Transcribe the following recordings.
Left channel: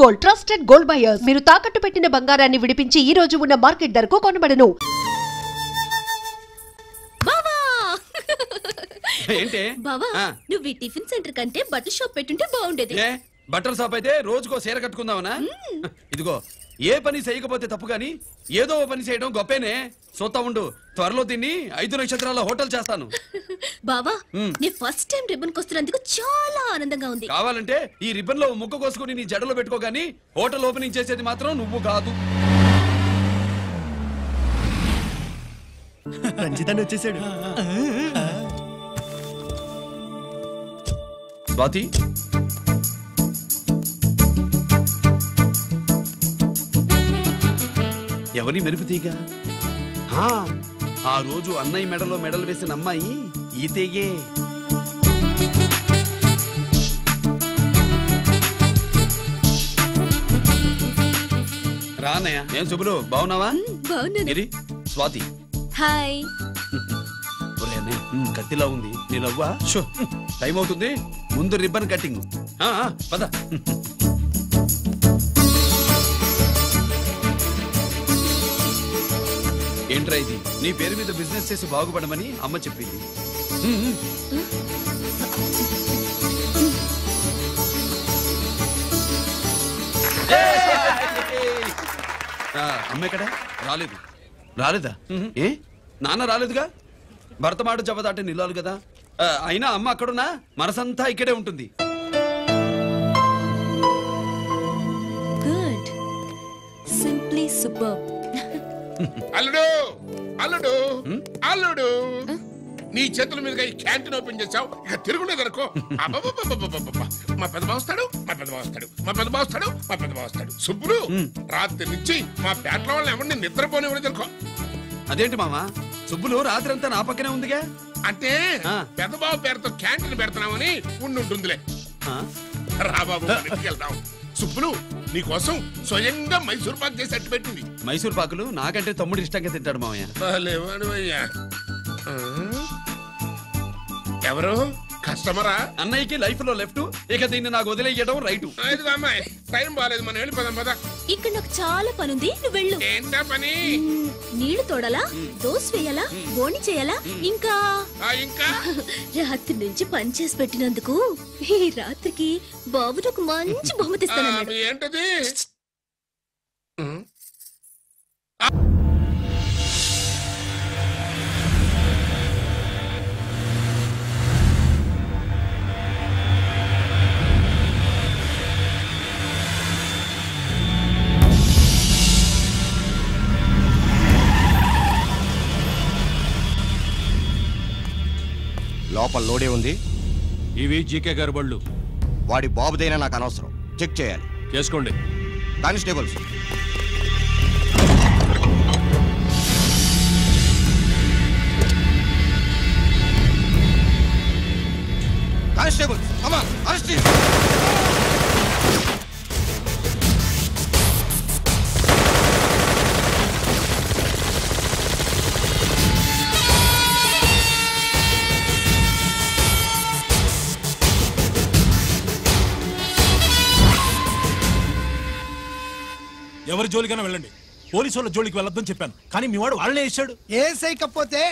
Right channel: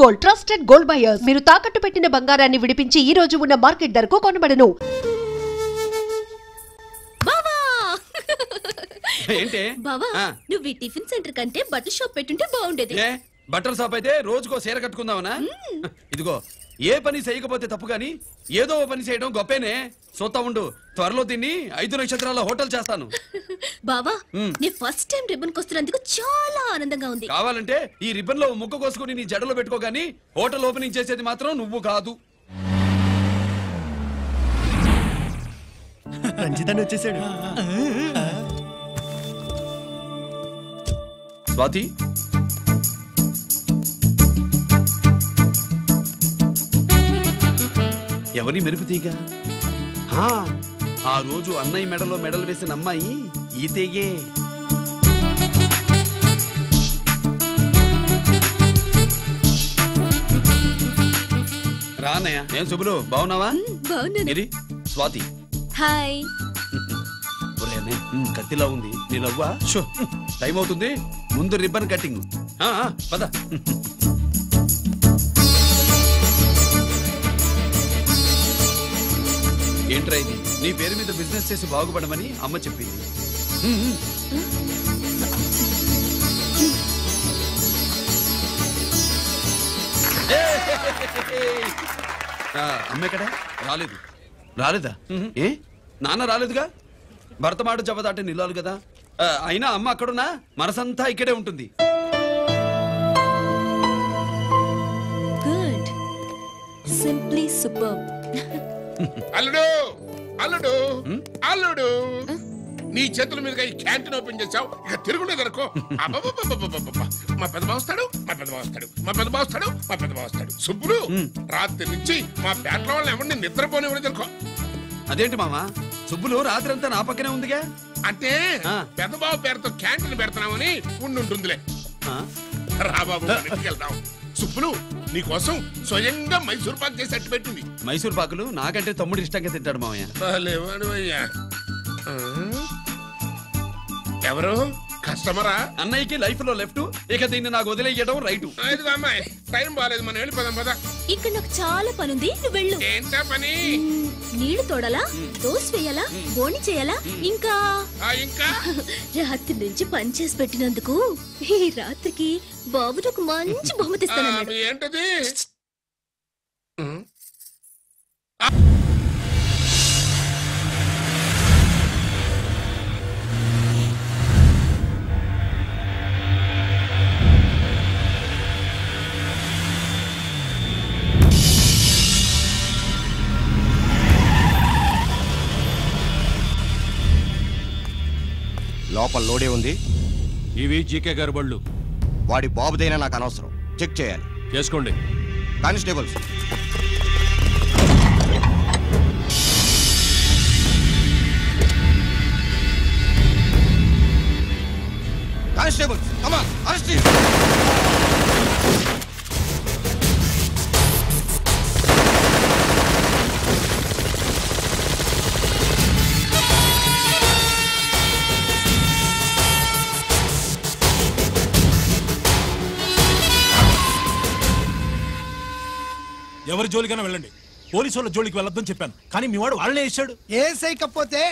Gold, trusted gold buyers. మీరు తాకట్టు పెట్టిన బంగారాన్ని విడిపించి ఈ రోజు ఉన్న మార్కెట్ ధరకు కొనబడను. ఏంటి బావా, నువ్వు ఈ టిఫిన్ సెంటర్ కంటే బట్టల షాప్ పెట్టుంటే బాగుండేది. బట్టల షాప్ అయితే రోజుకో చీర కట్టుకుందామనా? ఇదిగో, ఏ పని చేయకపోతే తప్పు గాని ఏదో పని చేయడం గొప్పేనే. చూస్తా ఉండు, త్వరలో దీన్ని 5 నక్షత్రాల హోటల్ చేస్తాను. బావా, నీ ఫస్ట్ టైం రిబ్బన్ కొస్తున్నందుకు చాలా ఆనందంగా ఉంది. కావాలంటే ఈ రిబ్బన్ లో ముక్క కోసుకుని నీ జడలో పెట్టుకోగాని హోటల్ ఓపెనింగ్ చేసేది మాత్రం నువ్వు కాదు. రంజిత్ వచ్చేసాడు. స్వాతి, ఎవరి మెరుపుతీగా? ఆ రోజు అన్నయ్య మెడలో మెడలు వేసిన అమ్మాయి ఈతేగే. రా అన్నయ్య. ఏం శుభ్రు, బాగున్నావా? బాగున్నాను. స్వాతి, హాయ్. కత్తిలా ఉంది నీ నవ్వా? టైం అవుతుంది, ముందు రిబ్బన్ కట్టింగ్. పద. ఏంట్రా ఇది? నీ పేరు మీద బిజినెస్ చేసి బాగుపడమని అమ్మ చెప్పింది. అమ్మ ఎక్కడ? రాలేదు. రాలేదా? ఏ నాన్న రాలేదుగా? భర్త మాట జవదాటే నిల్లాలి కదా. అయినా అమ్మ అక్కడున్నా మనసంతా ఇక్కడే ఉంటుంది. Good, simply super. అల్లుడు అల్లుడు అల్లుడు, నీ చేతుల మీదుగా ఈ క్యాంటీన్ ఓపెన్ చేసావు, ఇక తిరుగులేదు అనుకో. మా పెద్ద బావస్తాడు, మా పెద్ద బావస్తాడు, మా పెద్ద బావస్తాడు, మా పెద్ద బావస్తాడు. సుబ్బులు, రాత్రి నుంచి మా పేటలో వాళ్ళని ఎవరిని నిద్రపోనివ్వలేదు అనుకో. అదేంటి మామా, సుబ్బులు రాత్రి అంతా నా పక్కనే ఉందిగా? అంటే పెద్ద బావ పేరుతో క్యాంటీన్ పెడుతున్నామని ఉండుంటుందిలే. రా బాబు, వెళ్దాం. సుబ్బులు, నీకోసం స్వయంగా మైసూర్ పాక్ చేసి అట్టు పెట్టింది. మైసూర్ పాకులు నాకంటే తమ్ముడు ఇష్టంగా తింటాడు మామయ్య. ఎవరు కస్టమరా? అన్నయ్యకి లైఫ్ లో లెఫ్ట్, ఇక దీన్ని నాకు వదిలేయడం రైట్. అమ్మాయి, టైం బాగాలేదు, మనం వెళ్ళిపోదాం పద. ఇక్కడ నాకు చాలా పని ఉంది, నువ్వు వెళ్ళు. ఏంటా పని? నీళ్లు తోడాలా, దోశ వేయాలా, బోని చేయాలా, ఇంకా రాత్రి నుంచి పని చేసి పెట్టినందుకు ఈ రాత్రికి బాబు నాకు మంచి బహుమతి ఇస్తానన్నాడు. ఏంటది? లోపల లోడే ఉంది. ఇవి జీకే గారి బళ్ళు. వాడి బాబుదైనా నాకు అనవసరం, చెక్ చేయాలి. చేసుకోండి. Constables, constables, come on, arrest him. ఎవరి జోలికైనా వెళ్ళండి, పోలీసు వాళ్ళ జోలికి వెళ్ళొద్దని చెప్పాను, కానీ మీ వాడు వాళ్ళనే వేసాడు. ఏసైకపోతే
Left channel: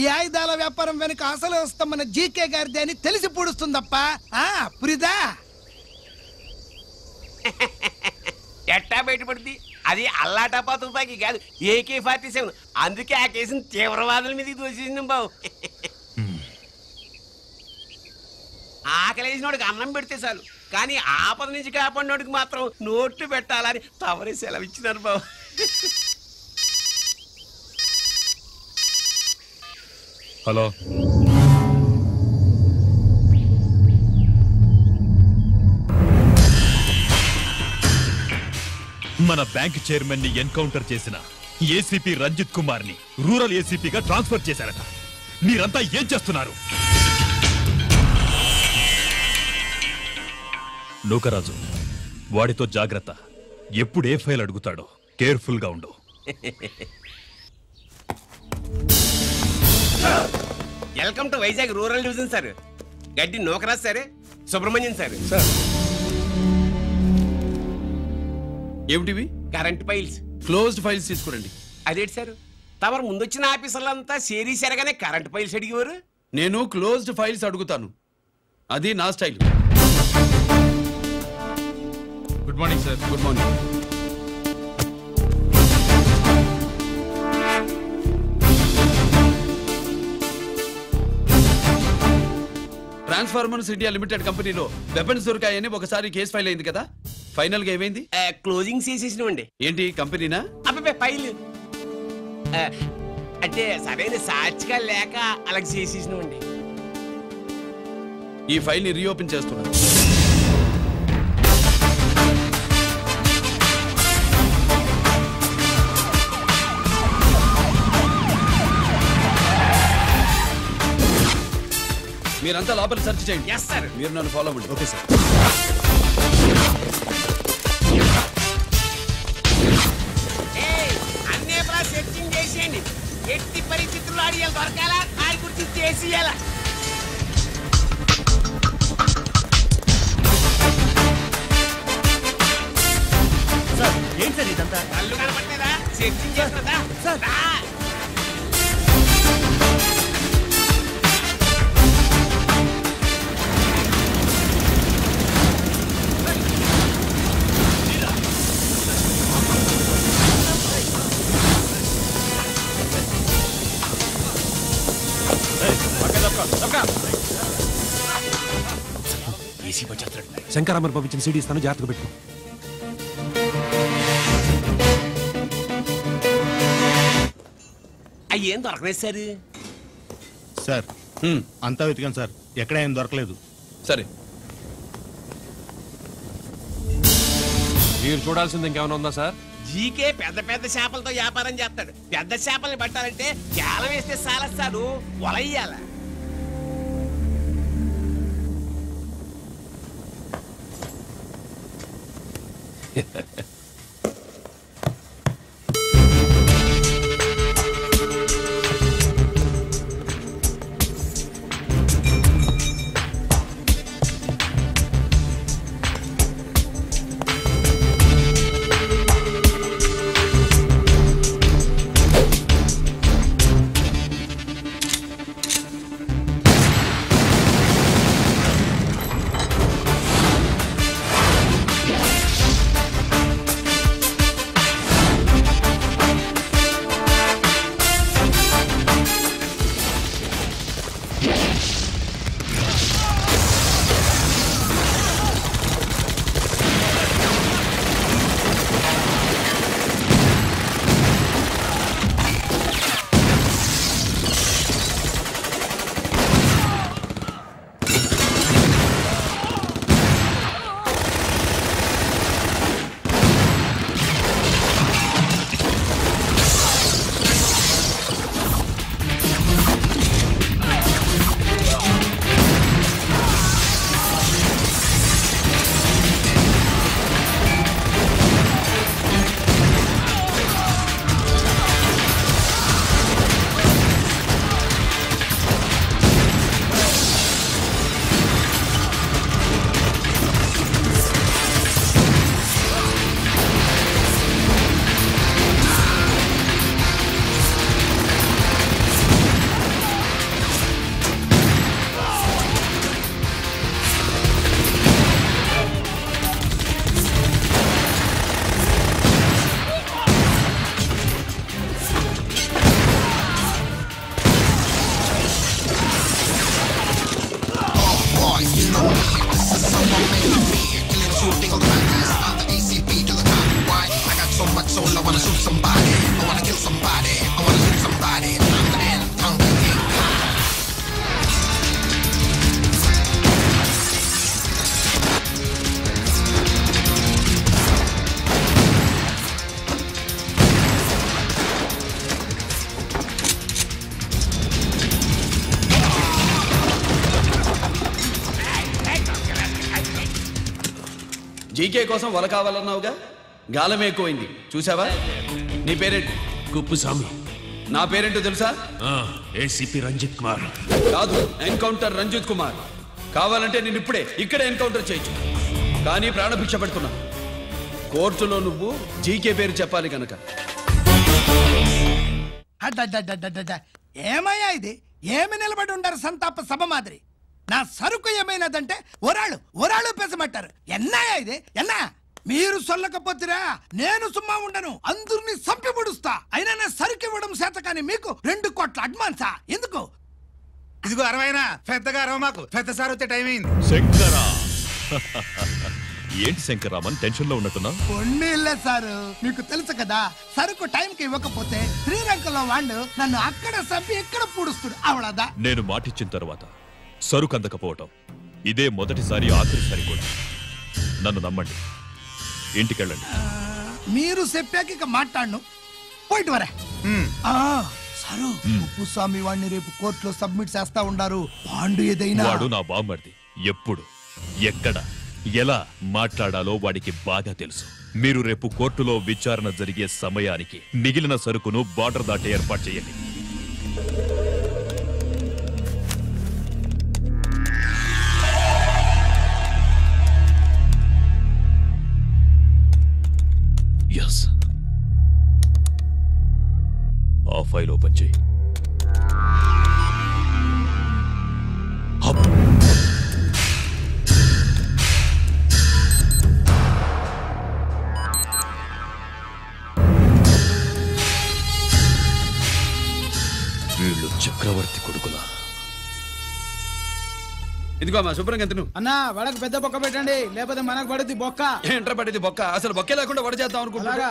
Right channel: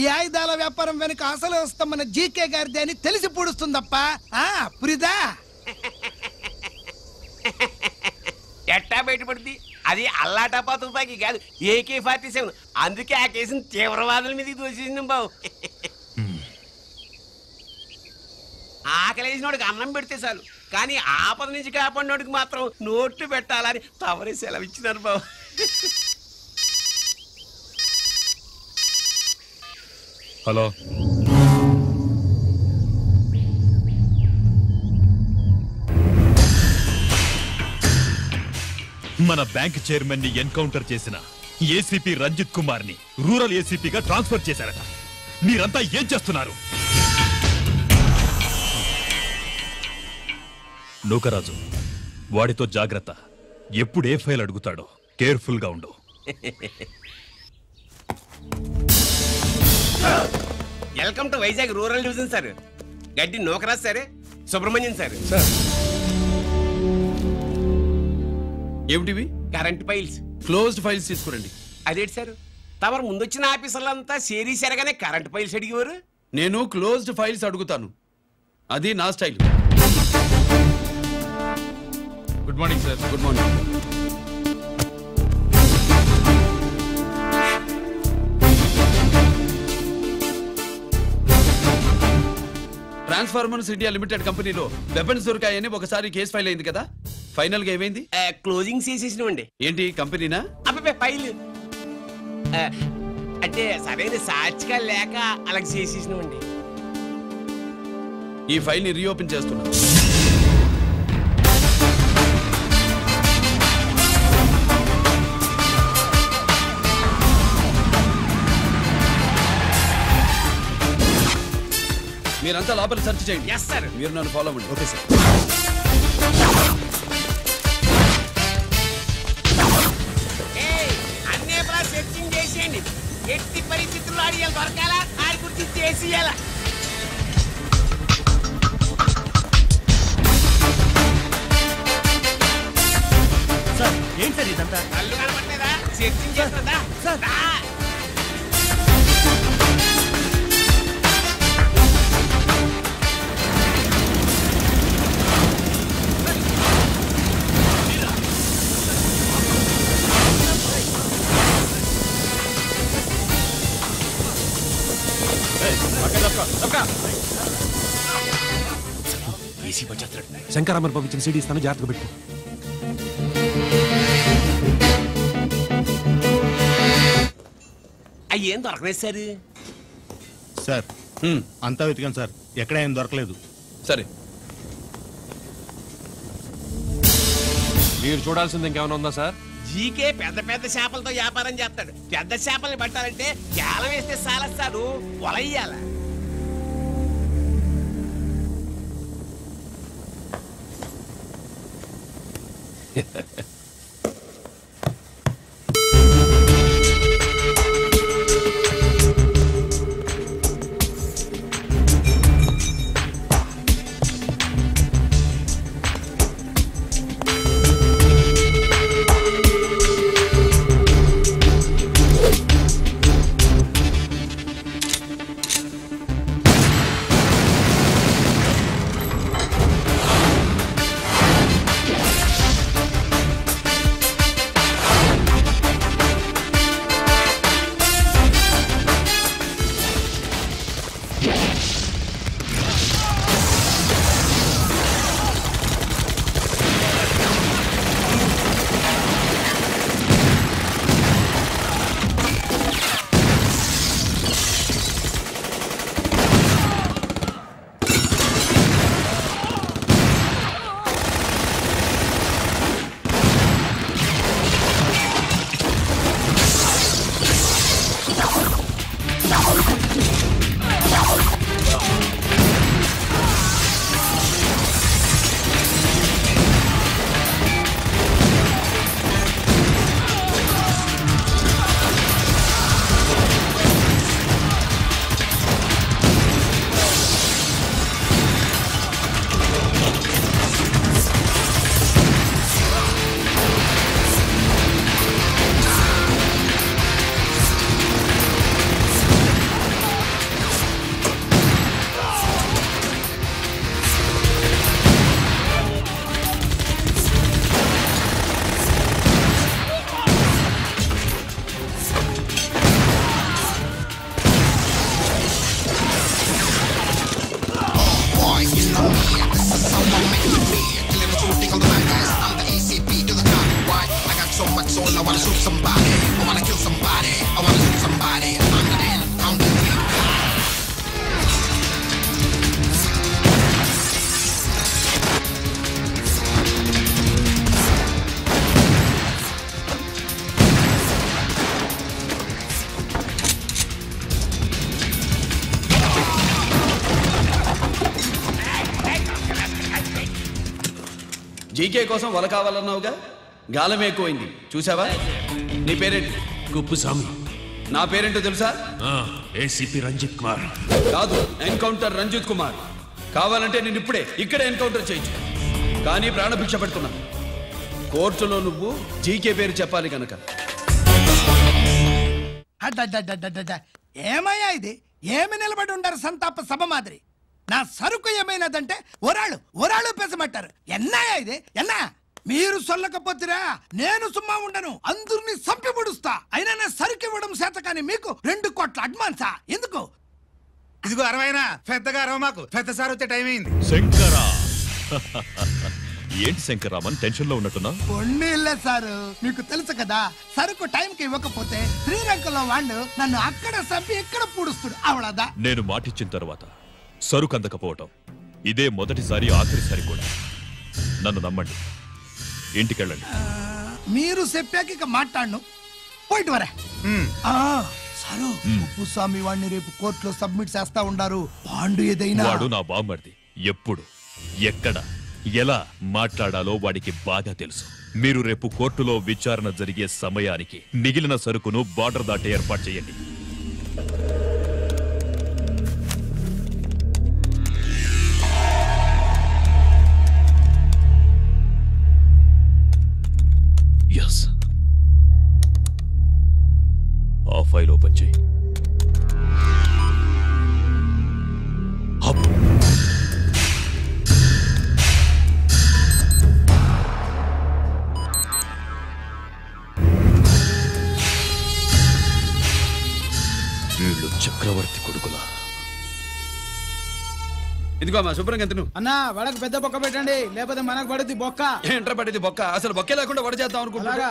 ఈ ఆయుధాల వ్యాపారం వెనుక అసలు వస్తామన్న జీకే గారిది అని తెలిసి పూడుస్తుందప్ప. పురిదా ఎట్టా బయటపడుతుంది? అది అల్లాటపా తుపాకి కాదు, AK-47. అందుకే ఆ కేసుని తీవ్రవాదుల మీదకి దోషింది బాబు. ఆకలేసినోడికి అన్నం పెడితే చాలు, కానీ ఆపద నుంచి కాపాడినోడికి మాత్రం నోట్లు పెట్టాలని తవరే సెలవు ఇచ్చినారు బాబు. హలో, మన బ్యాంక్ చైర్మన్ ని ఎన్కౌంటర్ చేసిన ఏసీపీ రంజిత్ కుమార్ ని రూరల్ ఏసీపీగా ట్రాన్స్ఫర్ చేశారట. మీరంతా ఏం చేస్తున్నారు? నూకరాజు, వాడితో జాగ్రత్త. ఎప్పుడు ఏ ఫైల్ అడుగుతాడో కేర్ఫుల్ గా ఉండు. Welcome to Vizag rural division sir. Gaddi Nookaraju sir, Subrahmanyam sir. ఏమిటివి? Current files. క్లోజ్డ్ ఫైల్స్ తీసుకురండి. అదేంటి సార్, తమరు ముందొచ్చిన ఆఫీసర్లంతా సేరీసారగానే కరెంట్ ఫైల్స్ అడిగేవారు. నేను క్లోజ్డ్ ఫైల్స్ అడుగుతాను, అది నా style. Good morning sir. Good morning. Transformers India limited కంపెనీలో వెపన్స్ దొరికాయని ఒకసారి కేసు ఫైల్ అయింది కదా, ఫైనల్ గా ఏమైంది? క్లోజింగ్ చేసేసినవండి. ఏంటి కంపెనీనా? అబ్బాయి ఫైల్ అంటే సరైన సాక్షిగా లేక అలా చేసేసినవండి. ఈ ఫైల్ ని రీఓపెన్ చేస్తున్నా. మీరంతా లోపల సెర్చ్ చేయండి. Yes sir. మీరు నన్ను ఫాలో అవ్వండి. Okay sir. అన్నీ సెర్చింగ్ చేసేయండి. ఎట్టి పరిస్థితుల్లో అడిగాలి దొరకాలా, ఆడి గురించి చేసేయాలా. సార్ ఏంటి సార్ ఇదంతా? కళ్ళు కనపడలేదా? సెర్చింగ్ చేస్తున్నదా? సార్. ఏసీ వచ్చేస్తాడు. శంకరామర్ పంపించిన సీడీ ఇస్తాను, జాగ్రత్తగా పెట్టు. అయ్యేం దొరకలేదు సార్. సార్ అంతా వెతికాను సార్, ఎక్కడ ఏం దొరకలేదు. సరే, మీరు చూడాల్సింది ఇంకేమైనా ఉందా సార్? జీకే పెద్ద పెద్ద చేపలతో వ్యాపారం చేస్తాడు. పెద్ద చేపల్ని పట్టాలంటే జాలం వేస్తే సాలస్తాడు, వలయ్యాల. జీకే కోసం వల కావాలన్నావుగా, గాలం ఎక్కువైంది చూసావా? నీ పేరేంటి? కుప్పుస్వామి. నా పేరేంటో తెలుసా? ఏసీపీ రంజిత్ కుమార్. కాదు, ఎన్కౌంటర్ రంజిత్ కుమార్. కావాలంటే నేను ఇప్పుడే ఇక్కడే ఎన్కౌంటర్ చేయొచ్చు, కానీ ప్రాణభిక్ష పెడుతున్నా. కోర్టులో నువ్వు జీకే పేరు చెప్పాలి కనుక. ఏమయ్యా ఇది? ఏమి నిలబడి ఉండారు సంతాప సభ మాదిరి? నా సరుకు ఏమైనదంటే ఒరాళ్ళు పెసమంటారు. ఎన్నాయా ఇది? ఎన్నా మీరు సొల్లకపోతురా నేను సుమ్మా ఉండను, అందరినీ సంపి పొడుస్తా. అయినా నా సరుకు ఇవ్వడం చేత కానీ మీకు 2 కోట్ల అడ్వాన్సా? ఎందుకు? ఇదిగో 60 పెద్దగా అరవ మాకు, పెద్ద సార్ వచ్చే టైం అయింది. శంకరా ఏంటి శంకరామన్ టెన్షన్ లో ఉన్నట్టున్నా? పొన్నీళ్ళే సారు, మీకు తెలుసు కదా, సరుకు టైంకి ఇవ్వకపోతే శ్రీరంగంలో వాడు నన్ను అక్కడ సంపి ఇక్కడ పూడుస్తుడు. అవళదా నేను మాటిచ్చిన తర్వాత సరుకు అందకపోవటం ఇదే మొదటిసారి, ఆఖరిసారి కూడా. నన్ను నమ్మండి, ఇంటికెళ్ళండి. మీరు చెప్పాక ఇక మాట్లాడను, పోయిట్ వరే. సారు ఉప్పుస్వామి వాడిని రేపు కోర్టులో సబ్మిట్ చేస్తా ఉండారు. వాడు ఏదైనా వాడు నా బామ్మర్ది. ఎప్పుడు ఎక్కడ ఎలా మాట్లాడాలో వాడికి బాగా తెలుసు. మీరు రేపు కోర్టులో విచారణ జరిగే సమయానికి మిగిలిన సరుకును బార్డర్ దాటి ఏర్పాటు చేయండి. ఎస్, ఆ ఫైల్ ఓపెన్ చేయి. వీళ్ళు చక్రవర్తి కొడుకులా. ఇదిగో మా శుభ్రంగా తిను. అన్నా వడకు పెద్ద బొక్క పెట్టండి, లేకపోతే మనకు పడుద్ది బొక్క. ఏంట్రా పడేది బొక్క? అసలు బొక్కే లేకుండా వడ చేద్దాం అనుకుంటున్నా.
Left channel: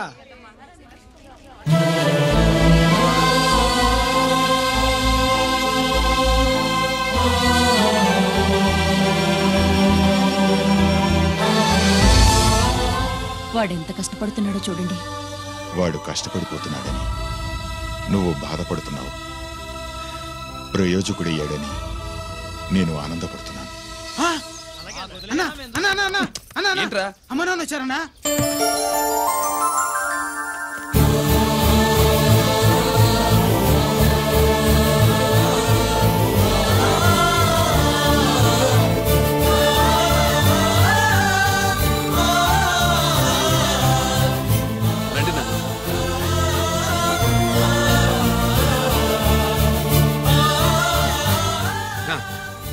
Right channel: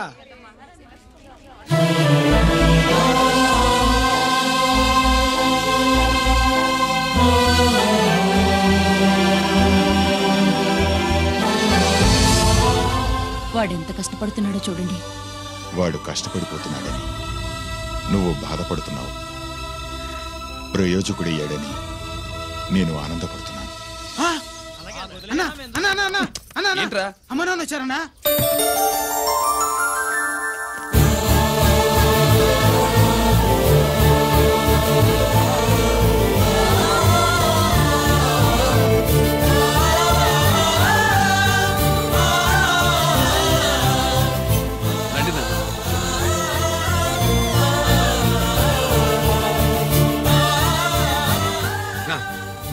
వాడెంత కష్టపడుతున్నాడో చూడండి. వాడు కష్టపడిపోతున్నాడని నువ్వు బాధపడుతున్నావు, ప్రయోజకుడయ్యాడని నేను ఆనందపడుతున్నాను. అమ్మ నాన్న వచ్చారన్నా? రండి నాన్న.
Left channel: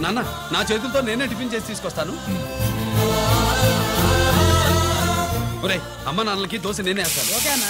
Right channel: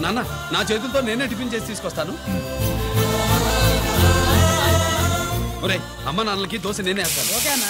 నాన్న, నా చేతులతో నేనే టిఫిన్ చేసి తీసుకొస్తాను. ఒరేయ్, అమ్మ నాన్నలకి దోశ నేనే వేస్తాను. ఓకేనా?